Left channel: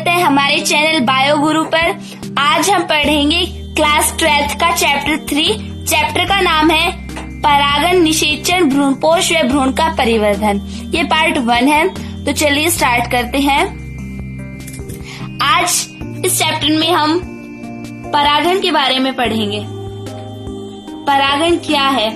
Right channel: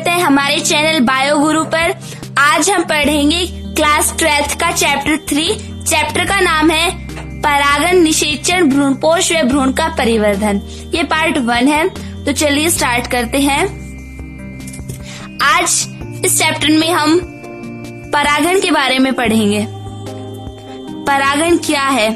स्वागत है हमारे चैनल बायो गुरु पर। आज हम पढ़ेंगे क्लास 12th का चैप्टर 3। चैप्टर का नाम है परागण निषेचन, भ्रूणपोष व भ्रूण का परिवर्धन। ये पार्ट 1 है, तो चलिए स्टार्ट करते हैं। आज इस चैप्टर में हम परागण के बारे में पढ़ेंगे। परागण क्या है?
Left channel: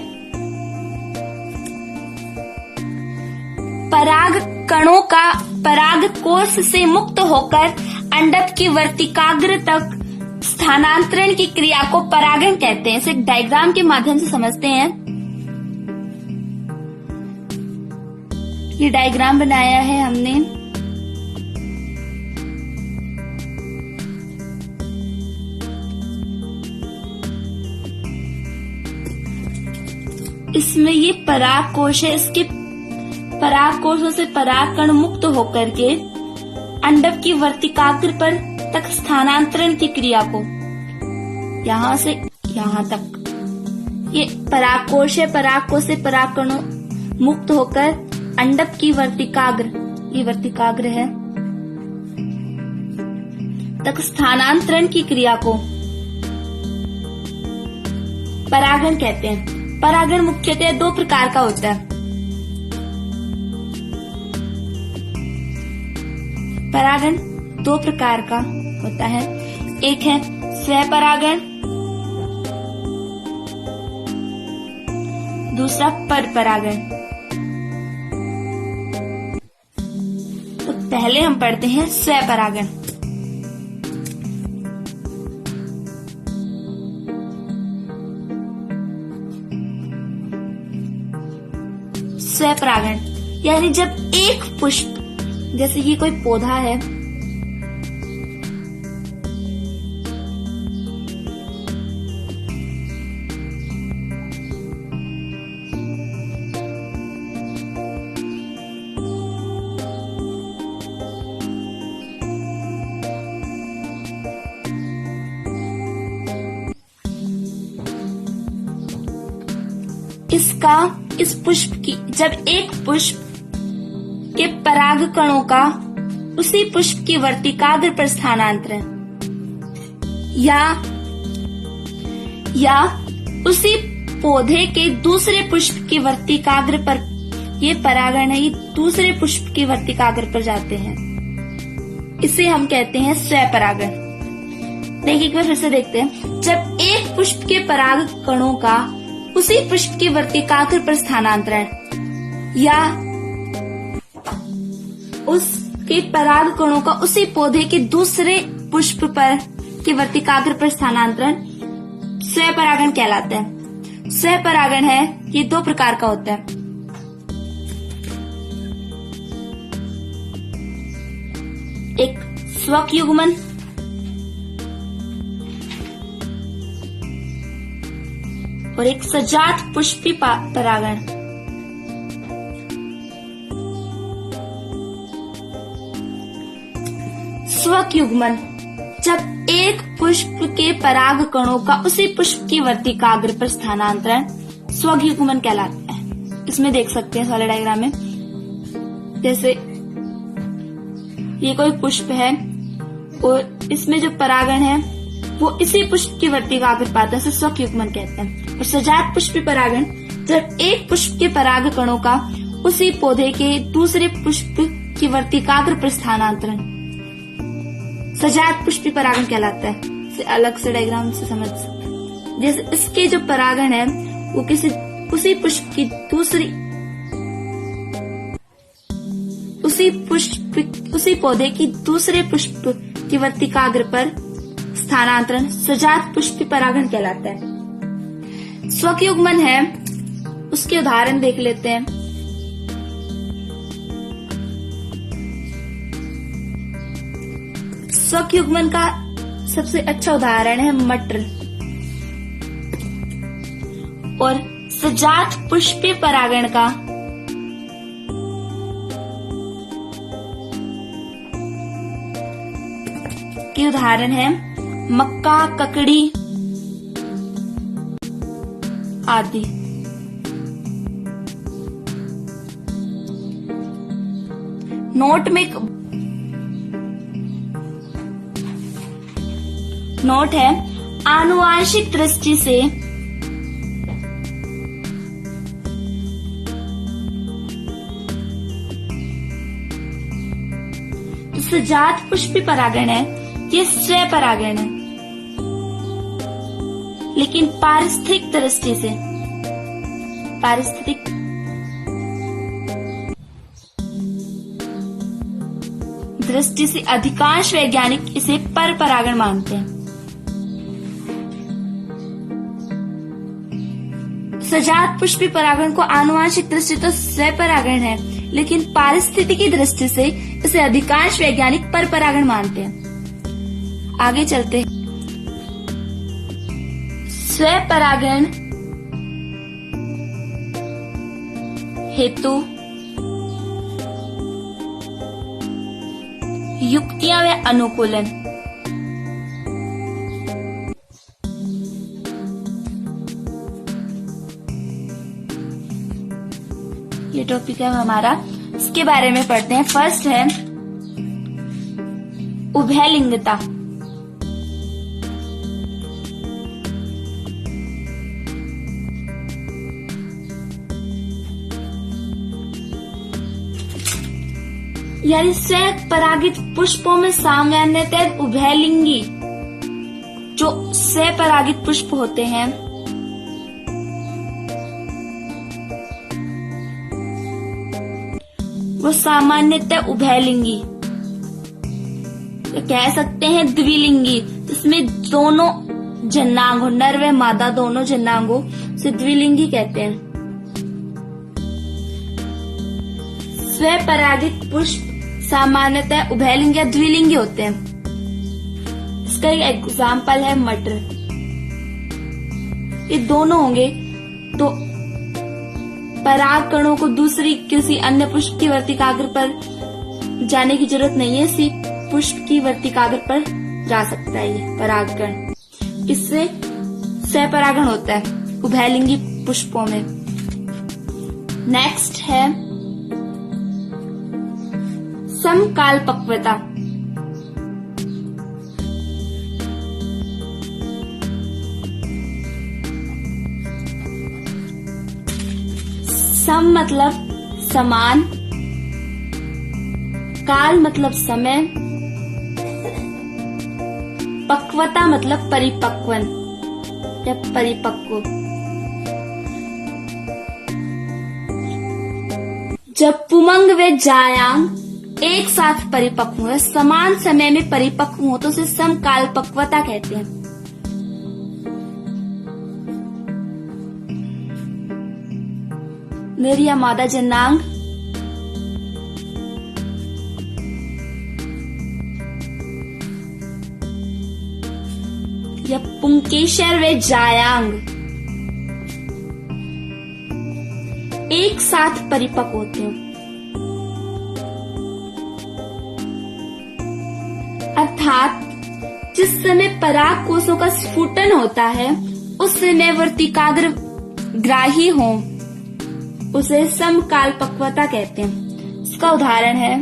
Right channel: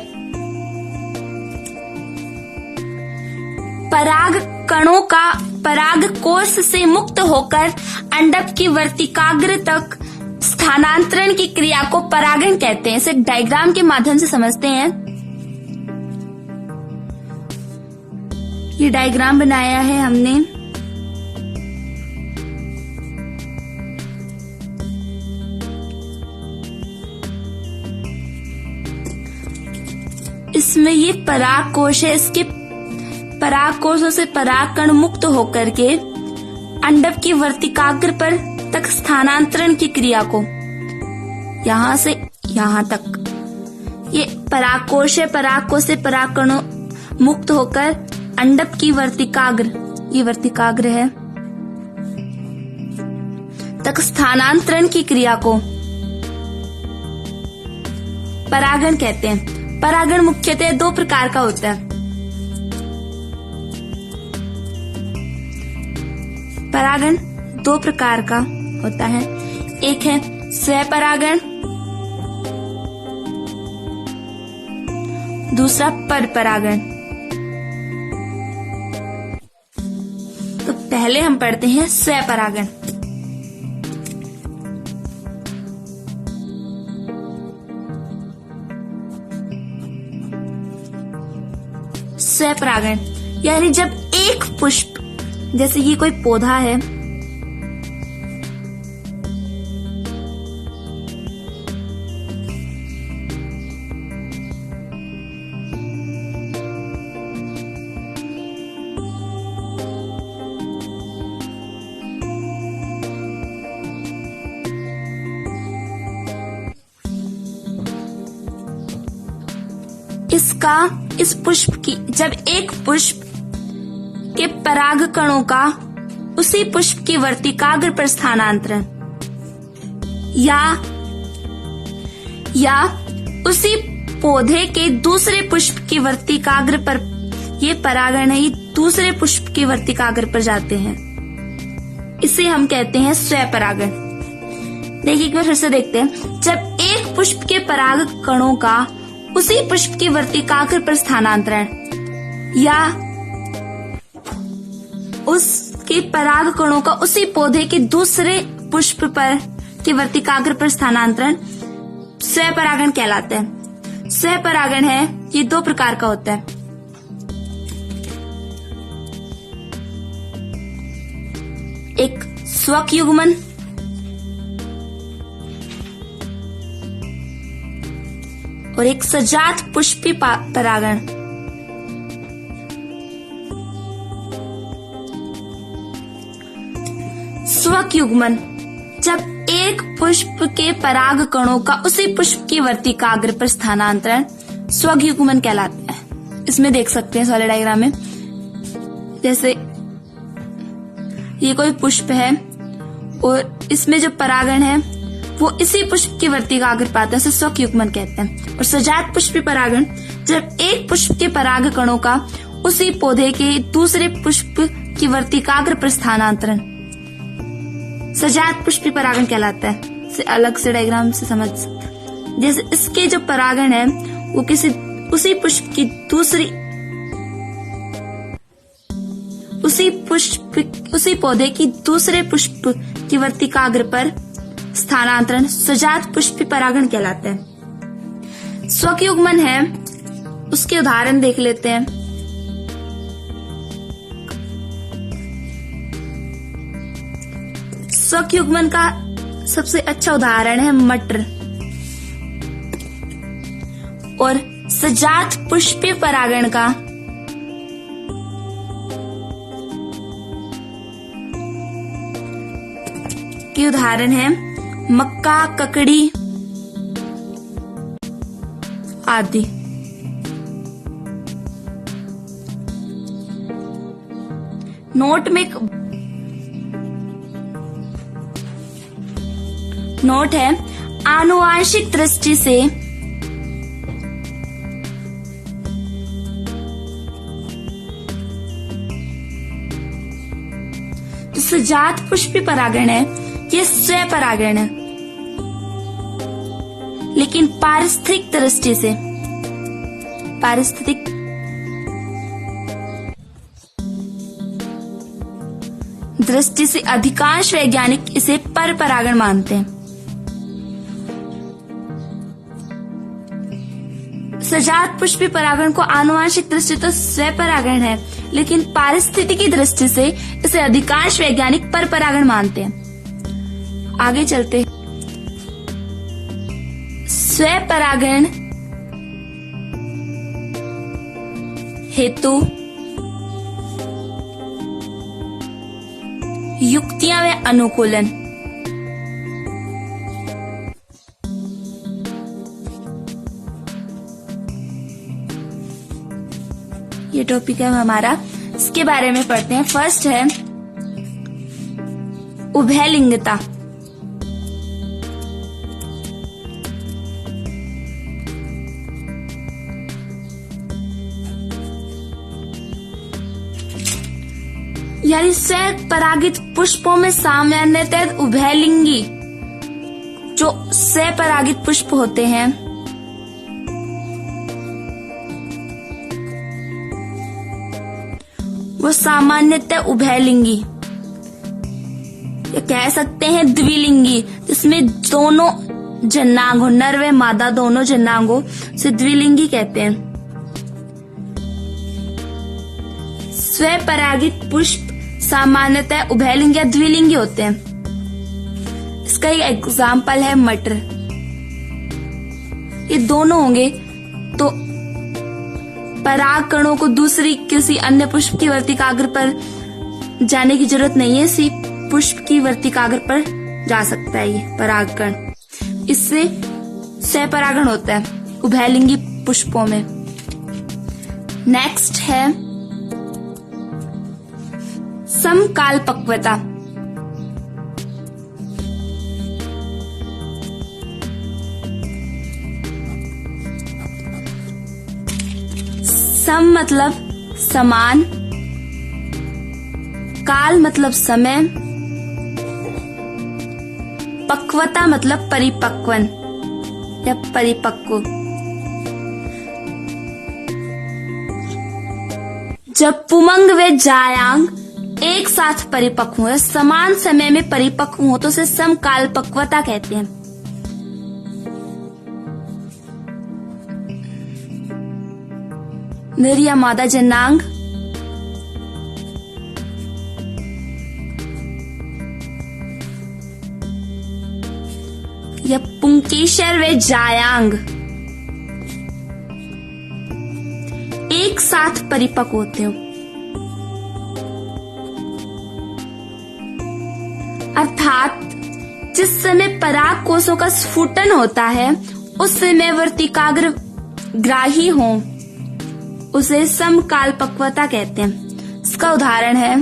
पराग कणों का पराग कोश से मुक्त होकर अंडक की वर्तिकाग्र तक स्थानांतरण की क्रिया को परागण कहते हैं। इसे डायग्राम के माध्यम से समझते हैं। ये डायग्राम बनाया है हमने। इसमें ये पराग कोश है। इसके पराग कोशों से पराग कण मुक्त होकर के अंडक की वर्तिकाग्र पर तक स्थानांतरण की क्रिया को, यहाँ से यहाँ तक ये पराग कोश है। पराग कोश से पराग कण मुक्त होकर अंडक की वर्तिकाग्र, ये वर्तिकाग्र है, तक स्थानांतरण की क्रिया को परागण कहते हैं। परागण मुख्यतः 2 प्रकार का होता है। परागण 2 प्रकार का होता है। एक है स्वपरागण, दूसरा परपरागण। तो पहले हम पढ़ते हैं स्वपरागण। स्वपरागण यानी जब एक पुष्प, जैसे ये कोई पौधा है, इस पुष्प की, जब एक पुष्प के पराग कणों का उसी पुष्प की वर्तिकाग्र पर स्थानांतरण या उसी पौधे के दूसरे पुष्प की वर्तिकाग्र पर, ये परागण ही दूसरे पुष्प की वर्तिकाग्र पर जाते हैं, इसे हम कहते हैं स्वपरागण। देखिए एक बार फिर से देखते हैं। जब एक पुष्प के पराग कणों का उसी पुष्प की वर्तिकाग्र पर स्थानांतरण या उसके पराग कणों का उसी पौधे के दूसरे पुष्प पर की वर्तिकाग्र पर स्थानांतरण स्वपरागण कहलाता है। स्वपरागण है, ये 2 प्रकार का होता है। एक स्वक युग्मन और एक सजात पुष्पी परागण। स्वक युग्मन, जब एक पुष्प के पराग कणों का उसी पुष्प की वर्तिकाग्र पर स्थानांतरण स्वक युग्मन कहलाता है। इसमें देख सकते हैं सॉलिड डायग्राम में, जैसे ये कोई पुष्प है और इसमें जो परागण है वो इसी पुष्प की वर्तिकाग्र पाता है, इसे स्वक युग्मन कहते हैं। और सजात पुष्पी परागण, जब एक पुष्प के पराग कणों का उसी पौधे के दूसरे पुष्प की वर्तिकाग्र पर स्थानांतरण सजात पुष्पी परागण कहलाता है। इसे अलग से डायग्राम से समझ सकते हैं। जैसे इसके जो परागण है वो किसी उसी पुष्प की दूसरी, उसी पौधे की दूसरे पुष्प की वर्तिकाग्र पर स्थानांतरण सजात पुष्पी परागण कहलाता है। स्वक युग्मन है, उसके उदाहरण देख लेते हैं। स्वक युग्मन का सबसे अच्छा उदाहरण है मटर। और सजात पुष्पी परागण का के उदाहरण है मक्का, ककड़ी आदि। नोट में नोट है, आनुवांशिक दृष्टि से सजात पुष्पी परागण है, ये स्वयं परागण है। लेकिन पारिस्थितिक दृष्टि से, पारिस्थितिक दृष्टि से अधिकांश वैज्ञानिक इसे परपरागण मानते हैं। सजात पुष्पी परागण को आनुवांशिक दृष्टि तो स्वपरागण है, लेकिन पारिस्थितिकी दृष्टि से इसे अधिकांश वैज्ञानिक परपरागण मानते हैं। आगे चलते हैं। स्वपरागण हेतु युक्तियां व अनुकूलन। ये टॉपिक है हमारा, इसके बारे में पढ़ते हैं। फर्स्ट है उभयलिंगता। यानी स्वपरागित पुष्पों में सामान्यतः उभयलिंगी जो स्वपरागित पुष्प होते हैं वो सामान्यतः उभयलिंगी, कह सकते हैं द्विलिंगी, जिसमें दोनों जनांग हो, नर व मादा दोनों जनांग हो, उसे द्विलिंगी कहते हैं। स्वपरागित पुष्प सामान्यतः उभयलिंगी या द्विलिंगी होते हैं। इसका एक एग्जाम्पल है मटर। ये दोनों होंगे तो पराग कणों को दूसरी किसी अन्य पुष्प की वर्तिकाग्र पर जाने की जरूरत नहीं है, सिर्फ पुष्प की वर्तिकाग्र पर जा सकता है ये पराग कण। इससे स्वपरागण होता है उभयलिंगी पुष्पों में। नेक्स्ट है समकालपक्वता। सम मतलब समान, काल मतलब समय, पक्वता मतलब परिपक्वन या परिपक्व। जब पुमंग व जायांग एक साथ परिपक्व हो, समान समय में परिपक्व हो तो उसे समकालपक्वता कहते हैं। नर या मादा जनांग या पुंकेसर व जायांग एक साथ परिपक्व होते हैं। अर्थात जिस समय पराग कोषों का स्फुटन होता है उस समय वर्तिकाग्र ग्राही हो, उसे समकालपक्वता कहते हैं। इसका उदाहरण है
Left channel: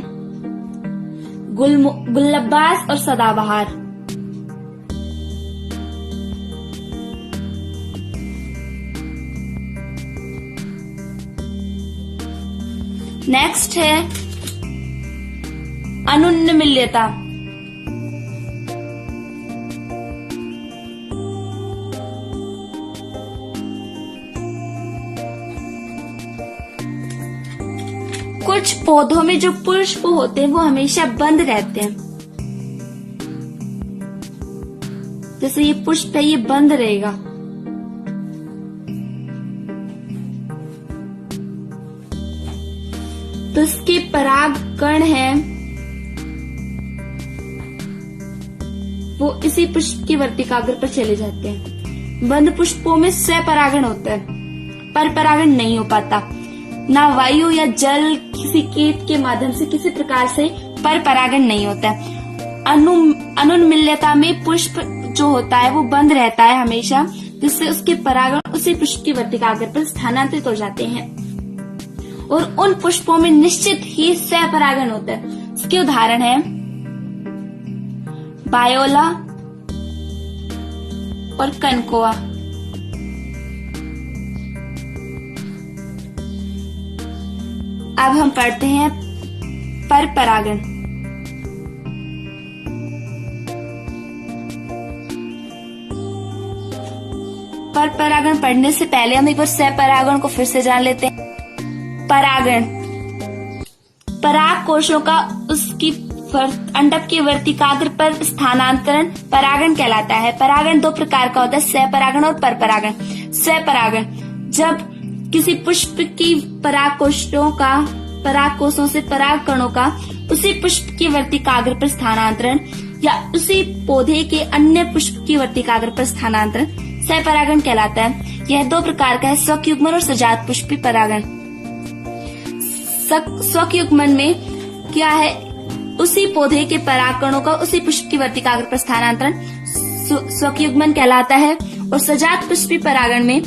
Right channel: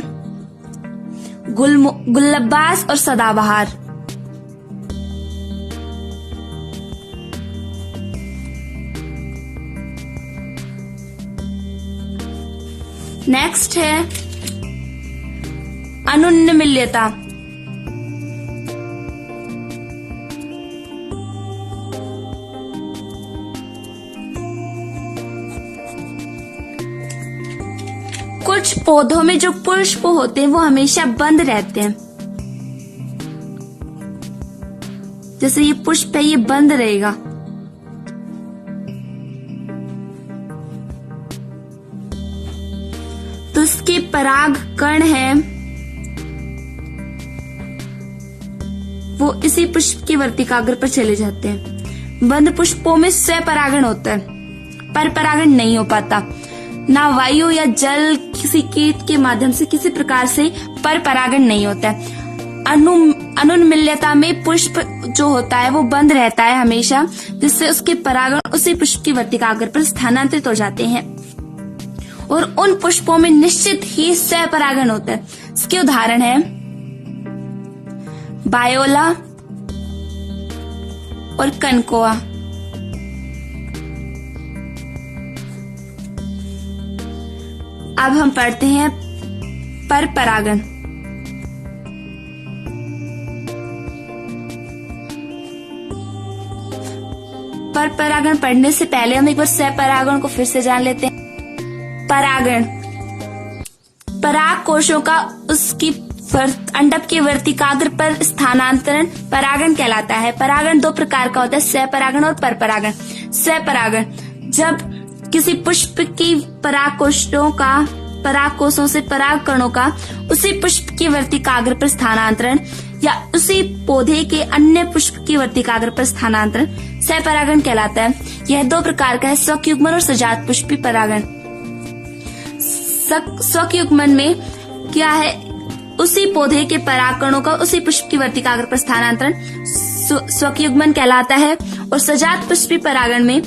गुलबास और सदाबहार। नेक्स्ट है अनुन्मिल्यता। कुछ पौधों में जो पुष्प होते हैं वो हमेशा बंद रहते हैं। जैसे ये पुष्प है, ये बंद रहेगा। तो इसके पराग कण हैं वो इसी पुष्प की वर्तिकाग्र पर चले जाते हैं। बंद पुष्पों में स्वपरागण होता है, परपरागण नहीं हो पाता। ना वायु या जल किसी कीट के माध्यम से किसी प्रकार से परपरागण नहीं होता है। अनुन्मिल्यता में पुष्प जो होता है वो बंद रहता है हमेशा, जिससे उसके परागण उसी पुष्प की वर्तिकाग्र पर स्थानांतरित हो जाते हैं और उन पुष्पों में निश्चित ही स्वपरागण होता है। इसके उदाहरण है बायोला, और कनकोआ। अब हम पढ़ते हैं पर परागण। पर परागण पढ़ने से पहले हम एक बार सहपरागण को फिर से जान लेते हैं। परागण पराग कोशों का उसकी अंडक के वर्तिकाग्र पर स्थानांतरण परागण कहलाता है। परागण दो प्रकार का होता है, सहपरागण और परपरागण। सहपरागण जब किसी पुष्प की पराग कोशों से पराग कणों का उसी पुष्प की वर्तिकाग्र पर स्थानांतरण या उसी पौधे के अन्य पुष्प की वर्तिकाग्र पर स्थानांतरण सहपरागण कहलाता है। यह दो प्रकार का है, स्वयुग्मन और सजात पुष्पी परागण। स्वयुग्मन में क्या है, उसी पौधे के पराग कणों का उसी पुष्प की वर्तिकाग्र पर स्थानांतरण स्वयुग्मन कहलाता है। और सजात पुष्पी परागण में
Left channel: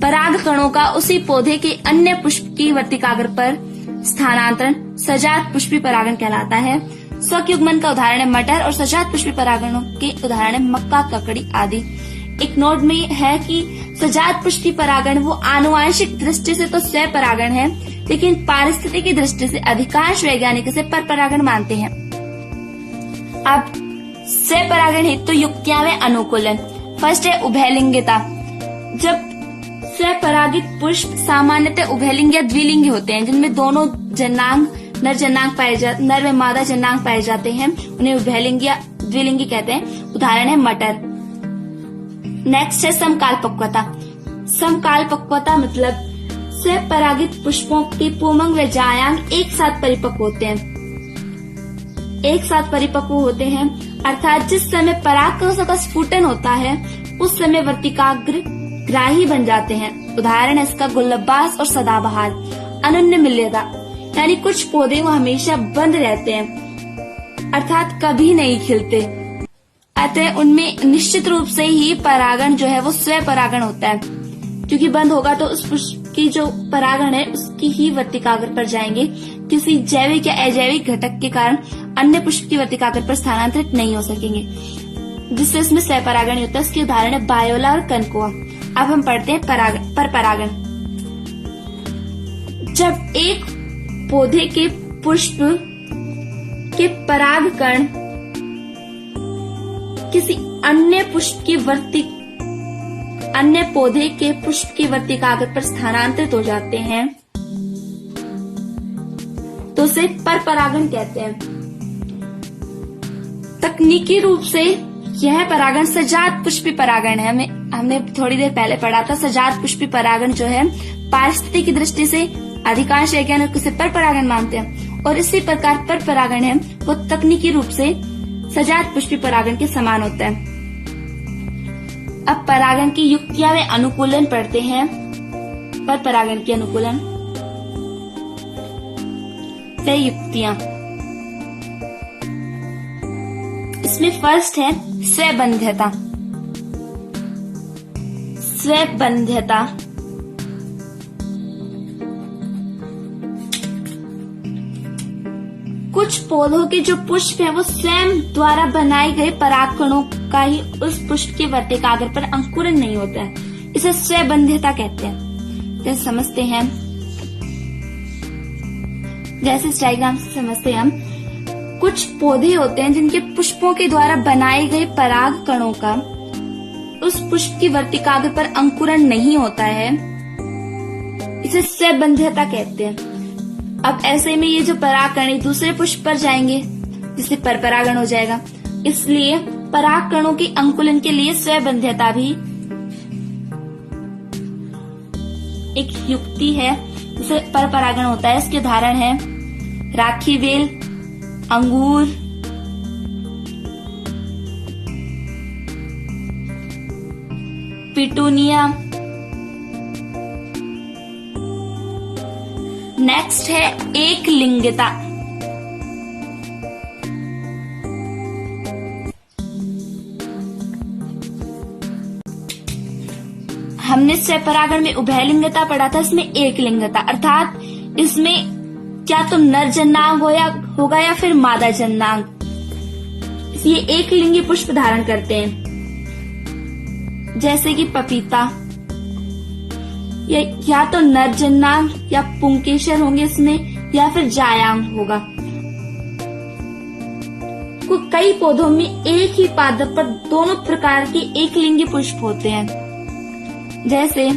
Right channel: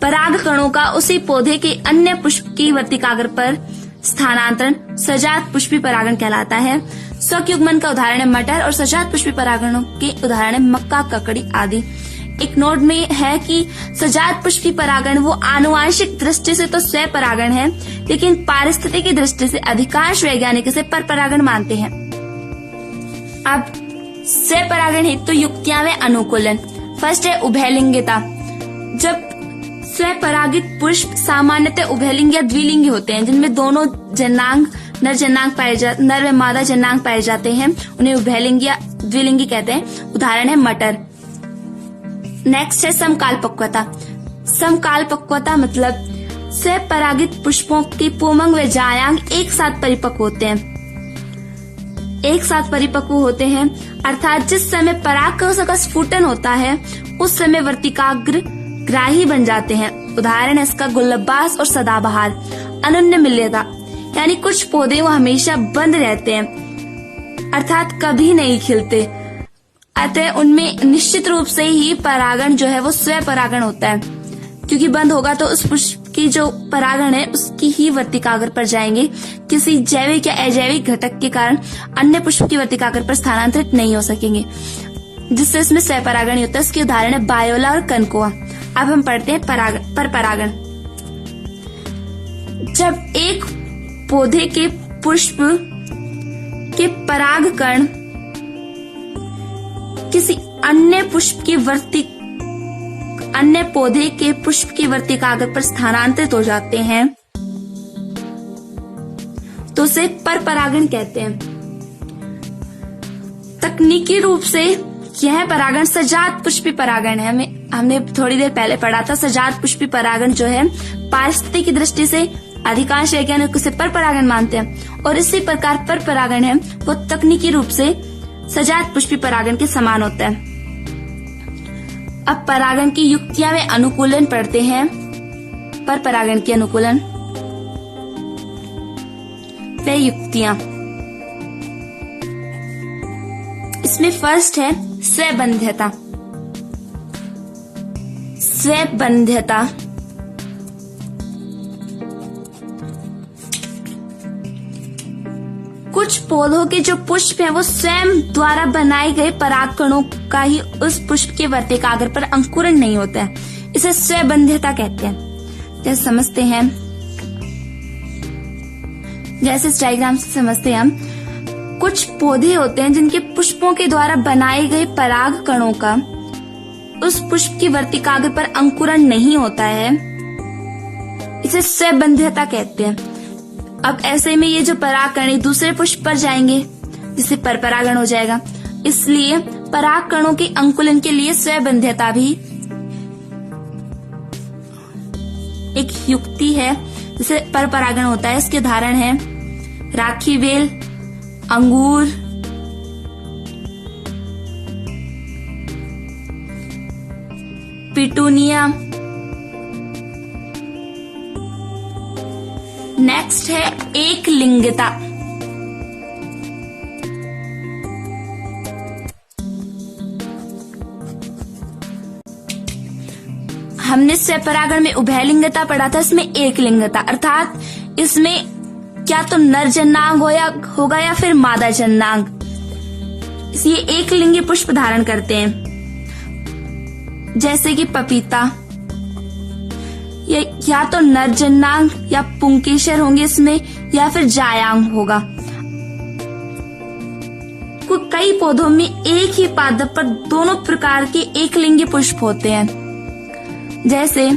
पराग कणों का उसी पौधे के अन्य पुष्प की वर्तिकाग्र पर स्थानांतरण सजात पुष्पी परागण कहलाता है। स्वयुग्मन का उदाहरण है मटर और सजात पुष्पी परागणों के उदाहरण है मक्का, ककड़ी आदि। एक नोट में है कि सजात पुष्पी परागण वो आनुवांशिक दृष्टि से तो स्वपरागण है, लेकिन पारिस्थितिकी दृष्टि से अधिकांश वैज्ञानिक इसे परपरागण मानते हैं। अब स्वपरागण हेतु युक्तियां व अनुकूलन। फर्स्ट है उभयलिंगिता। जब स्वपरागित पुष्प सामान्यतः उभयलिंगी या द्विलिंगी होते हैं, जिनमें दोनों जनांग नर व मादा जनांग पाए जाते हैं, उन्हें उभयलिंगी या द्विलिंगी कहते हैं। उदाहरण है मटर। नेक्स्ट है समकालपक्वता। समकालपक्वता मतलब स्वपरागित पुष्पों के पुंमंग व जायांग एक साथ परिपक्व होते हैं, अर्थात जिस समय परागकोश का स्फुटन होता है उस समय वर्तिकाग्र ग्राही बन जाते हैं। उदाहरण है इसका गुलाबास और सदाबहार। अनन्य मिल्यता यानी कुछ पौधे वो हमेशा बंद रहते हैं, अर्थात कभी नहीं खिलते, अतः उनमें निश्चित रूप से ही परागण जो है वो स्वपरागण होता है, क्योंकि बंद होगा तो उस पुष्प की जो परागण है उसकी ही वर्तिकाग्र पर जाएंगे, किसी जैविक या अजैविक घटक के कारण अन्य पुष्प की वर्तिकाग्र पर स्थानांतरित नहीं हो सकेंगे, जिससे इसमें स्वपरागण होता है। इसके उदाहरण है बायोला और कनकोआ। अब हम पढ़ते हैं पर परागण। जब एक पौधे के पुष्प के पराग कण किसी अन्य पौधे के पुष्प की वर्तिकाग्र पर स्थानांतरित हो जाते हैं तो उसे परपरागण कहते हैं। तकनीकी रूप से यह परागण सजात पुष्पी परागण है। हमने थोड़ी देर पहले पढ़ा था। सजात पुष्पी परागण जो है पारिस्थितिकी की दृष्टि से अधिकांश वैज्ञानिक उसे परपरागण मानते हैं, और इसी प्रकार परपरागण है वो तकनीकी रूप से सजात पुष्पी परागण के समान होता है। अब परागण की युक्तियां व अनुकूलन पढ़ते हैं। पर परागण की अनुकूलन व युक्तियां, इसमें फर्स्ट है स्वबंध्यता। स्वबंध्यता कुछ पौधों के जो पुष्प हैं वो स्वयं द्वारा बनाए गए पराग कणों का ही उस पुष्प के वर्तिकाग्र पर अंकुरण नहीं होता है, इसे स्वबंध्यता कहते हैं। जैसे समझते हैं, जैसे इस डायग्राम से समझते हैं हम, कुछ पौधे होते हैं जिनके पुष्पों के द्वारा बनाए गए पराग कणों का उस पुष्प की वर्तिकाग्र पर अंकुरण नहीं होता है, इसे स्वबंध्यता कहते हैं। अब ऐसे में ये जो पराग कण एक दूसरे पुष्प पर जाएंगे, जिससे परपरागण हो जाएगा। इसलिए पराग कणों के अंकुलन के लिए स्वबंध्यता भी एक युक्ति है, जिससे परपरागण होता है। इसके उदाहरण है राखी बेल, अंगूर, पिटूनिया। नेक्स्ट है एक लिंगता। हमने स्वपरागण में उभयलिंगता पढ़ा था, इसमें एक लिंगता, अर्थात इसमें क्या तो नर जनांग होगा या फिर मादा जनांग, ये एक लिंगी पुष्प धारण करते हैं, जैसे कि पपीता। या तो नरजन्नांग या पुंकेसर होंगे इसमें, या फिर जायांग होगा। कई पौधों में एक ही पादप पर दोनों प्रकार के एक लिंगी पुष्प होते हैं, जैसे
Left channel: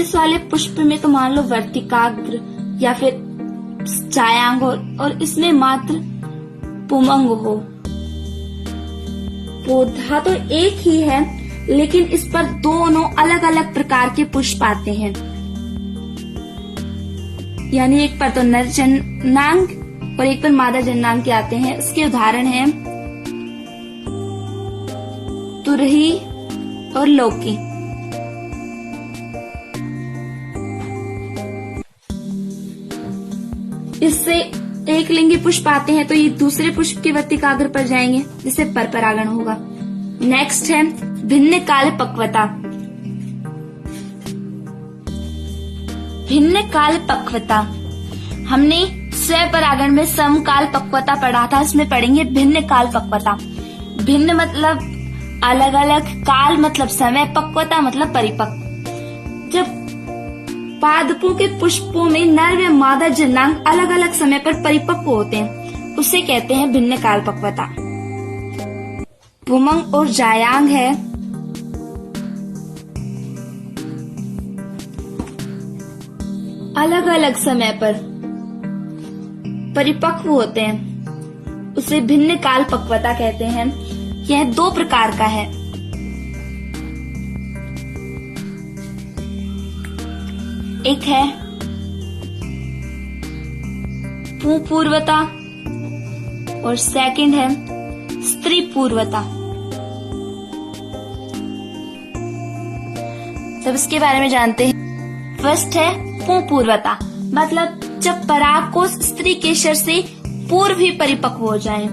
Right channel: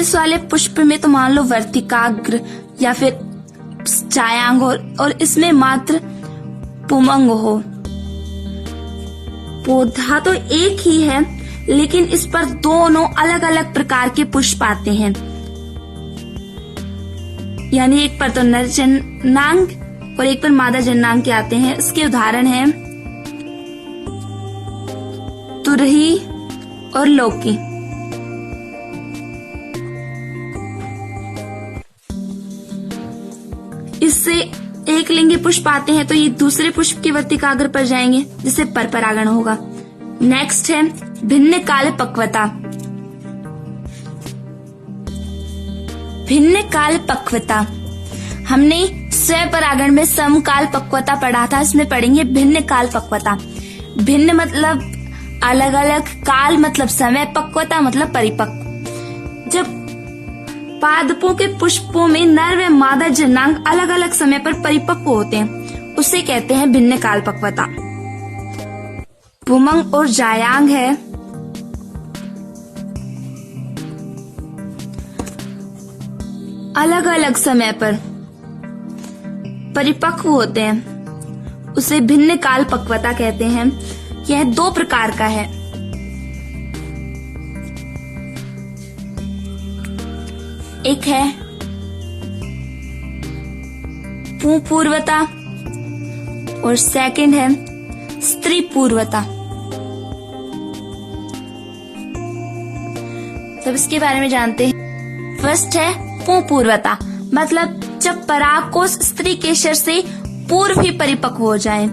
इस वाले पुष्प में तो मान लो वर्तिकाग्र या फिर जायांग हो, और इसमें मात्र पुमंग हो। पौधा तो एक ही है, लेकिन इस पर दोनों अलग अलग प्रकार के पुष्प आते हैं। यानी एक पर तो नर जन्नांग और एक पर मादा जन्नांग के आते हैं। इसके उदाहरण हैं तुरही और लौकी। इससे एक लिंगी पुष्प आते हैं तो ये दूसरे पुष्प के वर्तिकाग्र पर जाएंगे, जिससे पर परागण होगा। नेक्स्ट है भिन्न काल पक्वता। भिन्न काल पक्वता हमने स्वपरागण में समकाल पक्वता पढ़ा था, इसमें पढ़ेंगे भिन्न काल पक्वता। भिन्न मतलब अलग अलग, काल मतलब समय, पक्वता मतलब परिपक्व। जब पादपों के पुष्पों में नर व मादा जन्नांग अलग अलग समय पर परिपक्व होते हैं, उसे कहते हैं भिन्न काल पक्वता। पुमंग और जायांग है अलग अलग समय पर परिपक्व होते हैं, उसे भिन्न काल पक्वता कहते हैं। यह दो प्रकार का है। एक है पुंपूर्वता और सेकंड है स्त्री पूर्वता। अब इसके बारे में जानते हैं। फर्स्ट है पुंपूर्वता, मतलब जब परागकोश स्त्री केसर से पूर्व ही परिपक्व हो जाए,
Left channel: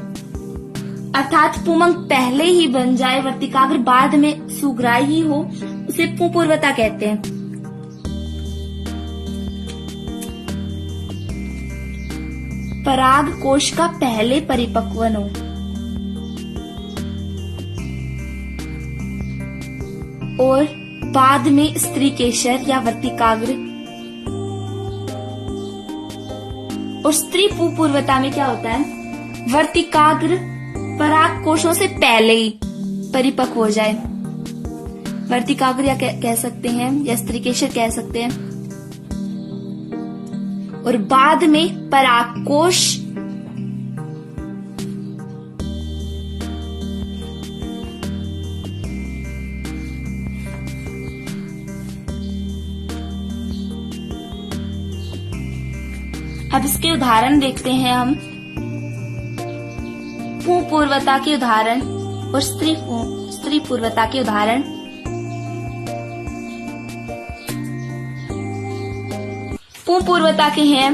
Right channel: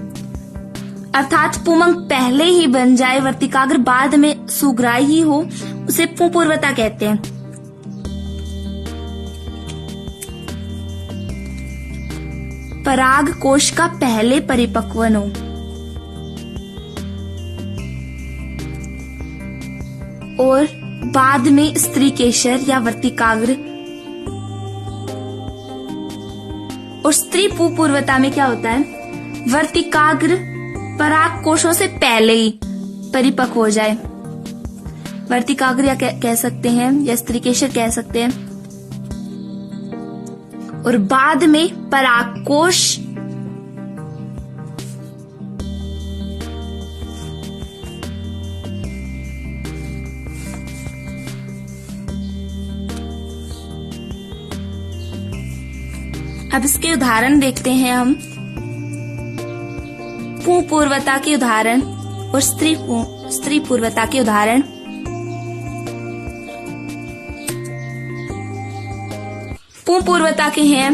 अर्थात पुमंग पहले ही बन जाए, वर्तिकाग्र बाद में सुग्राही हो, उसे पुंपूर्वता कहते हैं। पराग कोश का पहले परिपक्वन हो और बाद में स्त्री केसर या वर्तिकाग्र। और स्त्री पूर्वता में क्या होता है, वर्तिकाग्र पराग कोशों से पहले ही परिपक्व हो जाए। वर्तिकाग्र या कह सकते हैं या स्त्री केसर कह सकते हैं, और बाद में परागकोश अब इसके उदाहरण देखते हैं हम। पुंपूर्वता के उदाहरण और स्त्री पूर्वता के उदाहरण। पुंपूर्वता के हैं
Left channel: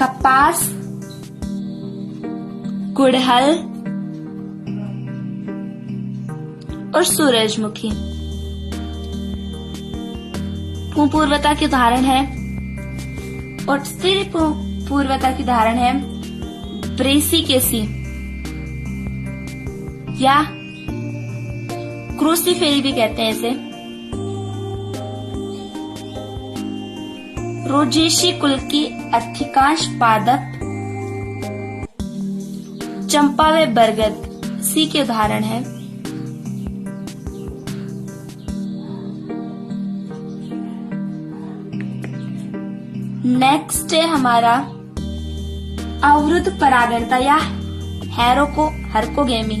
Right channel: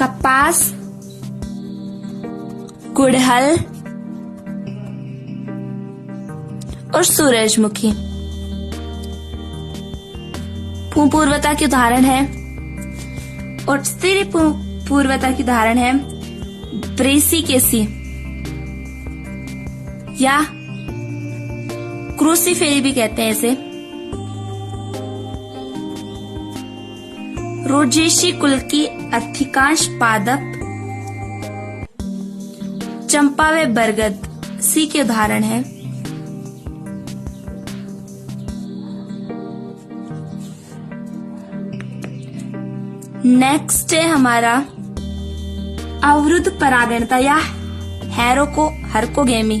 कपास, गुड़हल और सूरजमुखी। पुंपूर्वता के उदाहरण है, और स्त्री पूर्वता की उदाहरण है ब्रेसिकेसी या क्रूसीफेरी भी कहते हैं इसे। रोजेशी कुल की अधिकांश पादप चंपा व बरगद सी के उदाहरण है। नेक्स्ट है हमारा अवरुद्ध परागणता या हरकोगेमी।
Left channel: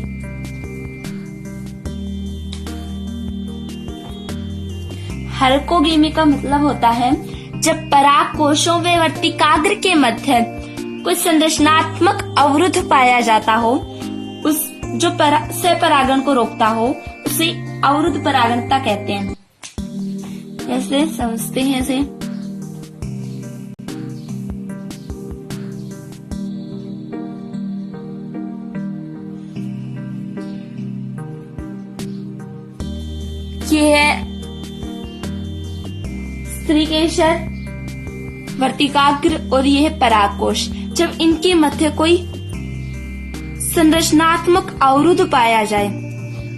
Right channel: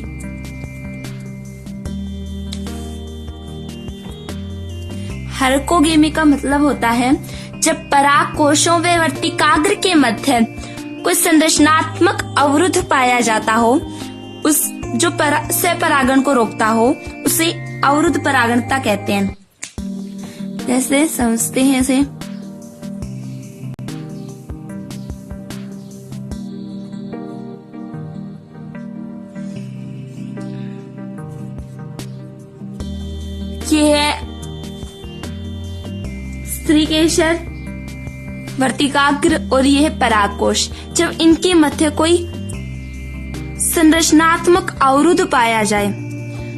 हरकोगेमी का मतलब होता है जब पराग कोशों व वर्तिकाग्र के मध्य कोई संरचनात्मक अवरुद्ध पाया जाता हो, उस जो स्वपरागण को रोकता हो, उसे अवरुद्ध परागणता कहते हैं। जैसे समझते हैं इसे। ये है स्त्रीकेशर, वर्तिकाग्र और ये है परागकोश। जब इनके मध्य कोई संरचनात्मक अवरुद्ध पाया जाए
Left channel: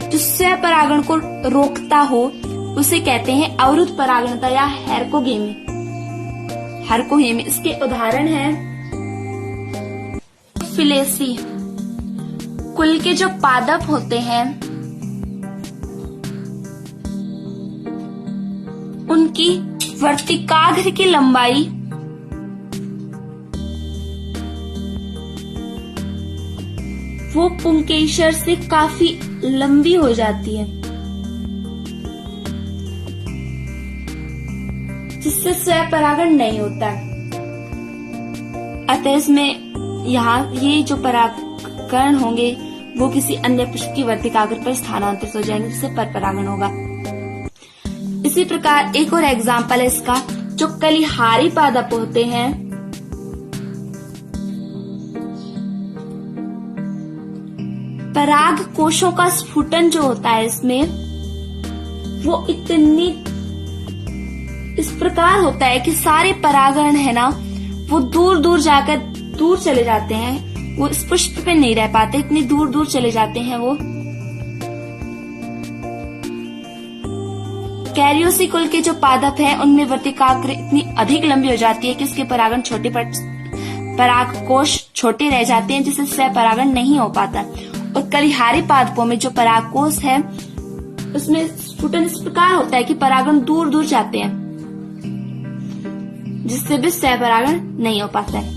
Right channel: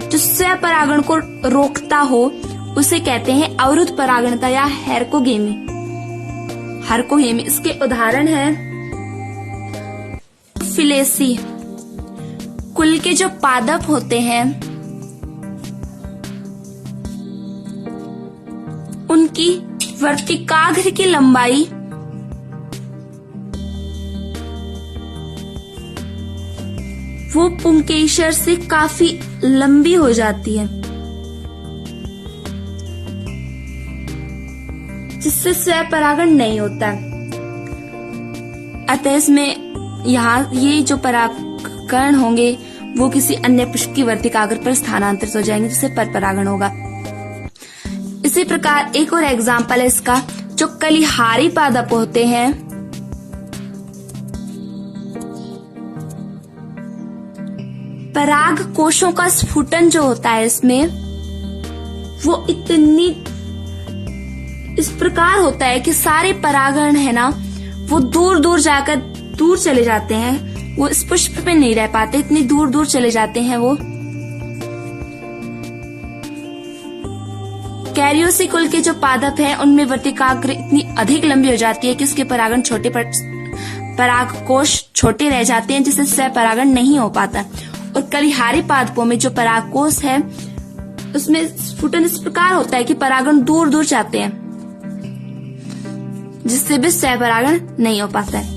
जो स्वपरागण को रोकता हो, उसे कहते हैं अवरुद्ध परागणता या हेरकोगेमी। हेरकोगेमी इसके उदाहरण है फिलेसी कुल के जो पादप होते हैं उनकी वर्तिकाग्र की लंबाई वो पुंकेसर से काफी लंबी हो जाती है, जिससे स्वपरागण नहीं होता। अतः इसमें यहाँ ये जो परागकण होंगे वो किसी अन्य पुष्प की वर्तिकाग्र पर स्थानांतरित हो जाएंगे, जिससे परपरागण होगा। इसी प्रकार एक और एग्जाम्पल है इसका, जो कलिहारी पादप होते हैं पराग कोशों का स्फुटन जो होता है इसमें वो इतनी इस प्रकार होता है कि सारे परागण है ना वो दूर दूर जाकर दूर चले जाते हैं, वो इस पुष्प पे नहीं रह पाते, इतनी दूर दूर चले जाते हैं वो। कैरियोसी कुल के जो पादप हैं उनमें वर्तिकाग्र इतनी अधिक लंबी हो जाती है कि उसके परागण छोटे परागकोश छोटे रह जाते हैं, जिससे स्वपरागण नहीं हो पाता। और कलिहारी पादपों में जो परागकोश है उसमें स्फुटन इस प्रकार होता है कि परागण दूर दूर जाते हैं, जिससे भी स्वपरागण नहीं हो पाता है।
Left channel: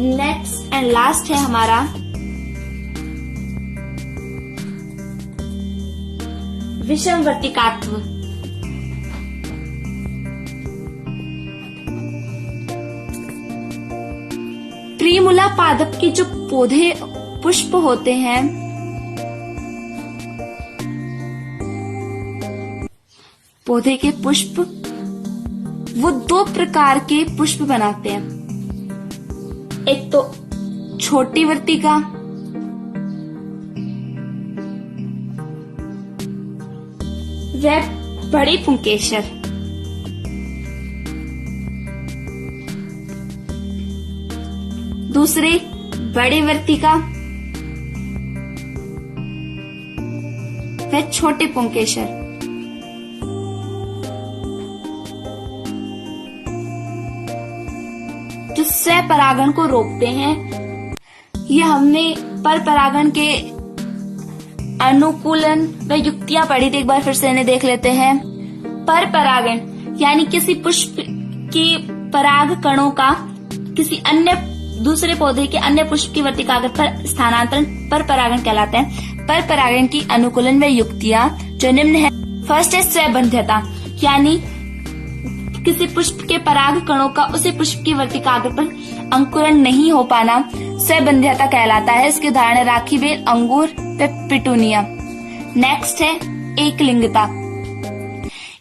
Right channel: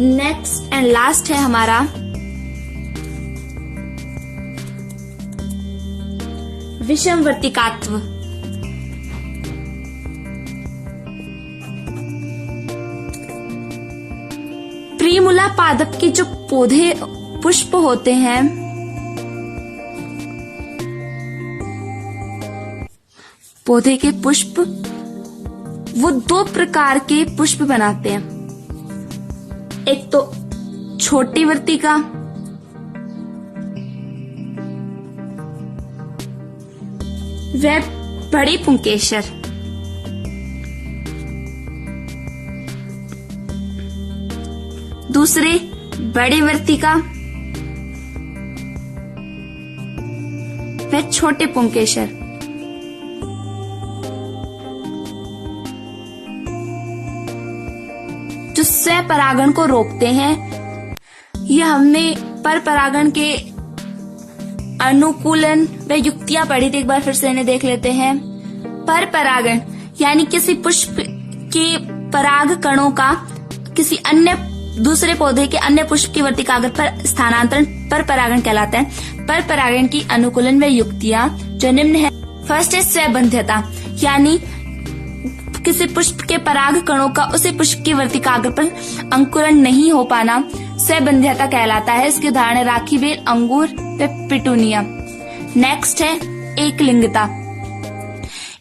नेक्स्ट एंड लास्ट है हमारा विषम वर्तिकात्व। प्रिमुला पादप के जो पौधे पुष्प होते हैं पौधे के पुष्प वो दो प्रकार के पुष्प बनाते हैं, एक तो छोटी वर्तिका व बड़ी पुंकेसर। दूसरी बड़ी वर्तिका व छोटे पुंकेसर। जो स्वपरागण को रोकते हैं। ये हमने परपरागण के अनुकूलन व युक्तियां पढ़ी थी, एक बार फिर से इन्हें देख लेते हैं। परपरागण यानी किसी पुष्प के पराग कणों का किसी अन्य दूसरे पौधे के अन्य पुष्प की वर्तिकाग्र पर स्थानांतरण परपरागण कहलाता है। परपरागण की अनुकूलन व युक्तियां जो निम्न है। फर्स्ट है स्वबंध्यता, यानी किसी पुष्प के पराग कणों का उसी पुष्प की वर्तिकाग्र पर अंकुरण नहीं हो पाना स्वबंध्यता कहलाता है। इसके उदाहरण है राखी बेल, अंगूर व पिटूनिया। नेक्स्ट है एकलिंगता।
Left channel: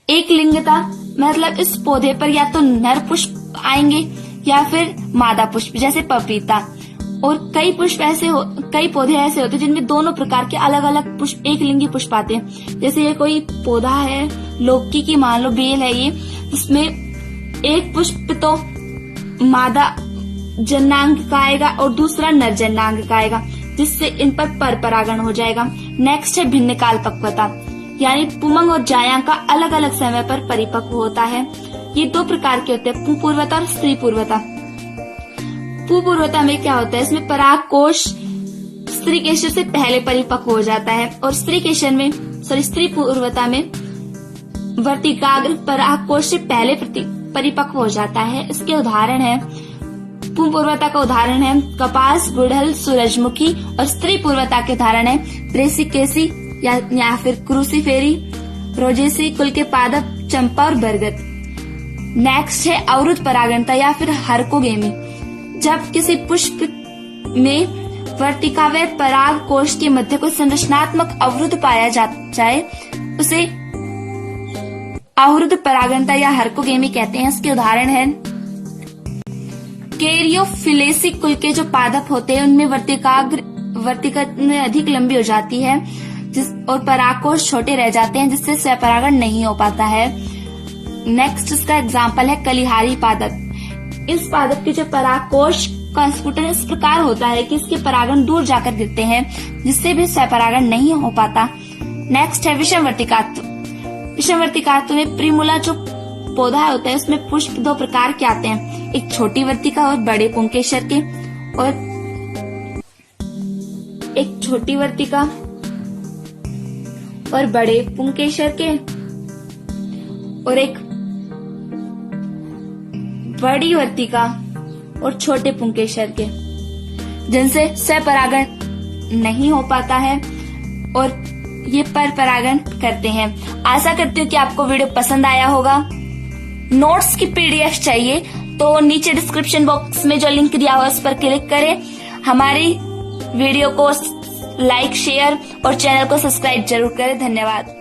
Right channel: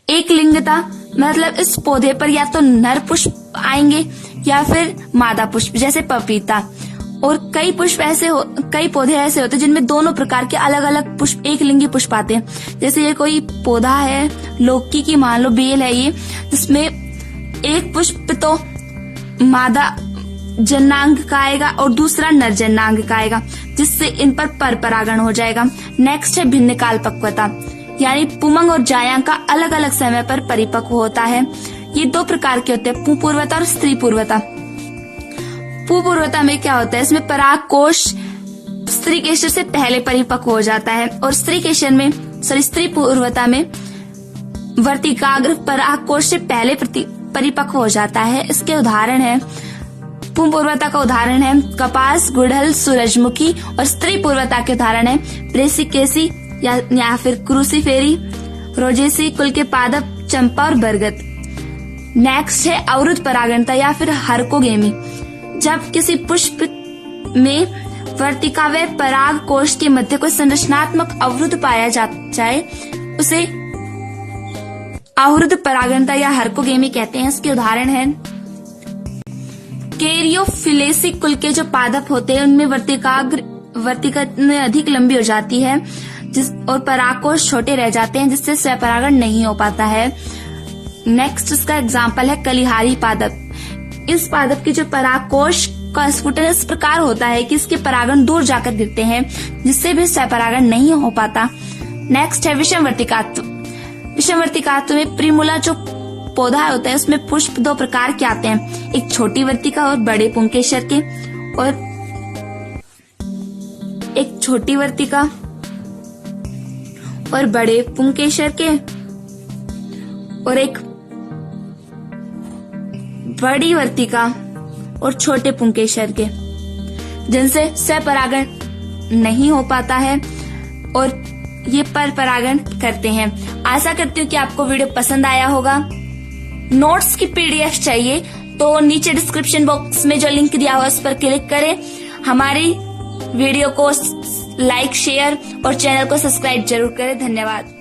एकलिंगता मतलब इस पौधे पर या तो नर पुष्प आएंगे या फिर मादा पुष्प, जैसे पपीता। और कई पौधे ऐसे होते हैं जिनमें दोनों प्रकार के अलग अलग पुष्प एकलिंगी पुष्प आते हैं। जैसे ये कोई पौधा है लौकी की, मान लो बेल है ये, जिसमें एक पुष्प तो मादा जनांग का आएगा और दूसरा नर जनांग का आएगा, जिससे इन पर परपरागण हो जाएगा। नेक्स्ट है भिन्न काल पक्वता, यानी पुमंग और जायांग का अलग अलग समय पर परिपक्व होता है। ये दो प्रकार के होते हैं, पुपूर्वता और स्त्री पूर्वता। पुपूर्वता में क्या होता है, इसमें पराग कोश स्त्री केशर से पहले परिपक्व हो जाता है, और स्त्री पूर्वता में वर्तिकाग्र पराग कोश से पहले परिपक्व हो जाता है। इसके उदाहरण है, पुपूर्वता का उदाहरण है कपास, गुड़हल, सूरजमुखी, और स्त्री पूर्वता के उदाहरण है ब्रेसिकेसी या फिर क्रूसीफेरी, रोजेसी कुल के पादप, चंपा और बरगद। नेक्स्ट है अवरुद्ध परागणता या फिर हेरकोगेमी। जब किसी पुष्प में वर्तिका व पराग कोश के मध्य कोई संरचनात्मक अवरुद्ध पाया जाए उसे अवरुद्ध परागणता या हेरकोगेमी कहते हैं। इसके उदाहरण है कैरियोफिलेसी कुल के जो पादप होते हैं उनमें वर्तिका अधिक लंबी हो जाती है और परागकोश छोटे रह जाते हैं, जिससे स्वपरागण नहीं हो पाता है। नेक्स्ट इसका एग्जाम्पल है कलिहारी पादप। इस पादप के जो परागकोश का स्फुटन इस प्रकार होता है कि इसके परागण दूर जाकर गिरते हैं, जिससे भी स्वपरागण नहीं हो पाता। नेक्स्ट है विषमवर्तिकात्व। विषमवर्तिकात्व में प्रिमूला जो पौधा होता है उसमें पुष्प दो प्रकार के आते हैं, एक छोटी वर्तिका और बड़े पुंकेसर के, और एक छोटी वर्तिका और बड़े पुंकेसर के, और एक बड़ी वर्तिका और छोटे पुंकेसर के, जिनसे स्वपरागण नहीं हो पाता है और ये पर परागण करते हैं। आशा करती हूँ कि आपको वीडियो पसंद आया होगा। नोट्स की पीडीएफ चाहिए तो नीचे डिस्क्रिप्शन बॉक्स में जो लिंक दिया हुआ उस पर क्लिक करें। हमारी वीडियो को लाइक, शेयर और चैनल को सब्सक्राइब जरूर करें। धन्यवाद।